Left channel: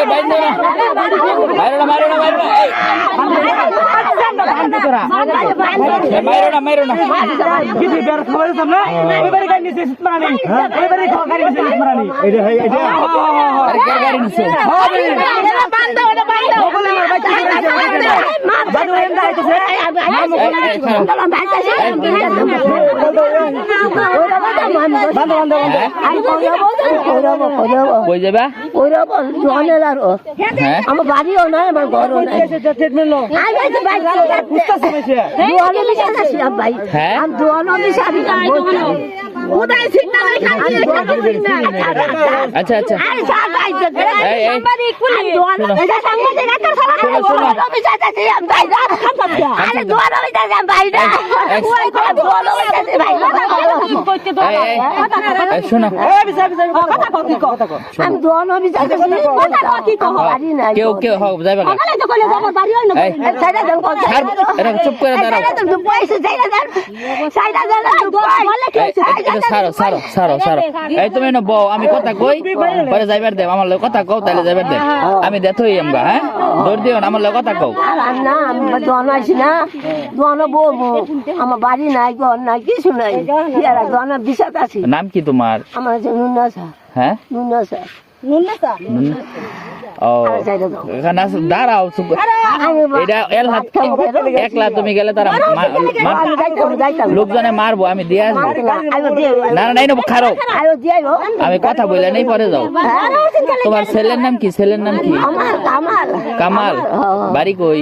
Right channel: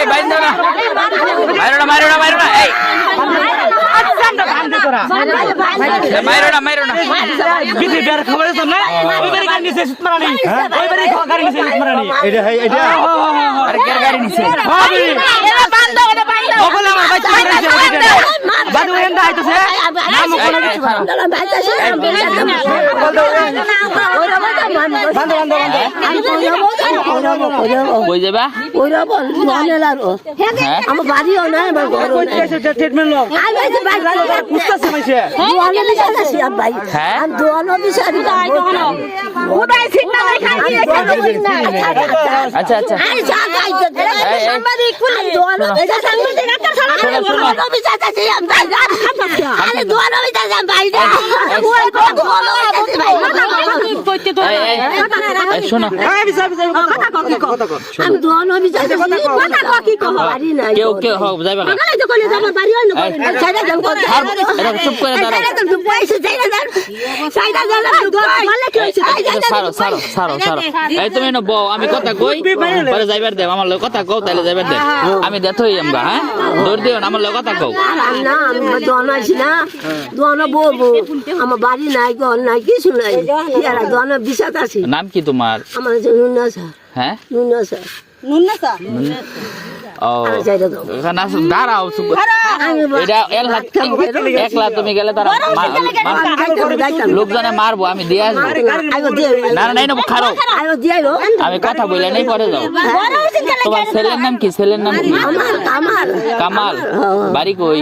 এই বাইন্দো না মাইরো না এই মাইরো না বিধি বের খবরের সামনে ওইবারে গাড়ি নিছে সুতমারানি ওইবারে গাড়ি নিছে সুতমারানি এটা আরে কে গাড়ি নিছে বলে আমার বাচ্চা বাদু এন্ডা আইতাছে নাম কোন কিছু কই যাবা আমার বাড়িও নাই আমার ঘরও নাই ট্রিটমেন্ট লো কুস্তাছে মাইছে দোয়ানো বিচারছি ভাই হ্যাঁ আমি দোয়ানো বিচারি না ওটাই ঠিক না আচ্ছা আরে সাগাইতে সাংবাদিক পুলিশ দোয়ানো এটা সাংবাদিক একটা সাংবাদিক দোয়ানো বিচারছি আমি ভাই আরে দোয়ানো বিচারছি আমি ভাই না ওই দোয়ানো বিচারছি ভাই এই শোনো আমি দোয়ানো বিচারছি কথা কি কম বাড়ি নাই কেউ হোক যাইবা না সকালে তো কইলে আমার বাড়ি হয় না সাইডা যান কথা এটা চুপ করে দাঁড়াও সাইডা যান পয়সা সাইডা যান বলে কি হইছে সারো এই তুমি না বউ আমি কথা কই পরে যাইবার দেব আমার লগে কথা কও তাইলে যাইবার দেব আমি দেথই আমগা হ্যাঁ দৌড় দিও আমার লগে কথা কও আর না আমি দোয়ানো আছি না দোয়ানো বউ আমার বাড়ি নাই ঘর নাই কিছু নাই এরা দোয়ানো বিষাদ আছে নাম কি তোমার আমার নুনাসা হ্যাঁ নুনাসা ও এখানে দাঁড়াও এটা একলা তুমি গেলে তারা লোকজনে মারবো আমি দিয়ে আসবো না নাই না খারাপ আমি কথা বলে নেই পরে যাও তোমার ছেলের নাম কি কামাল বাড়ি কই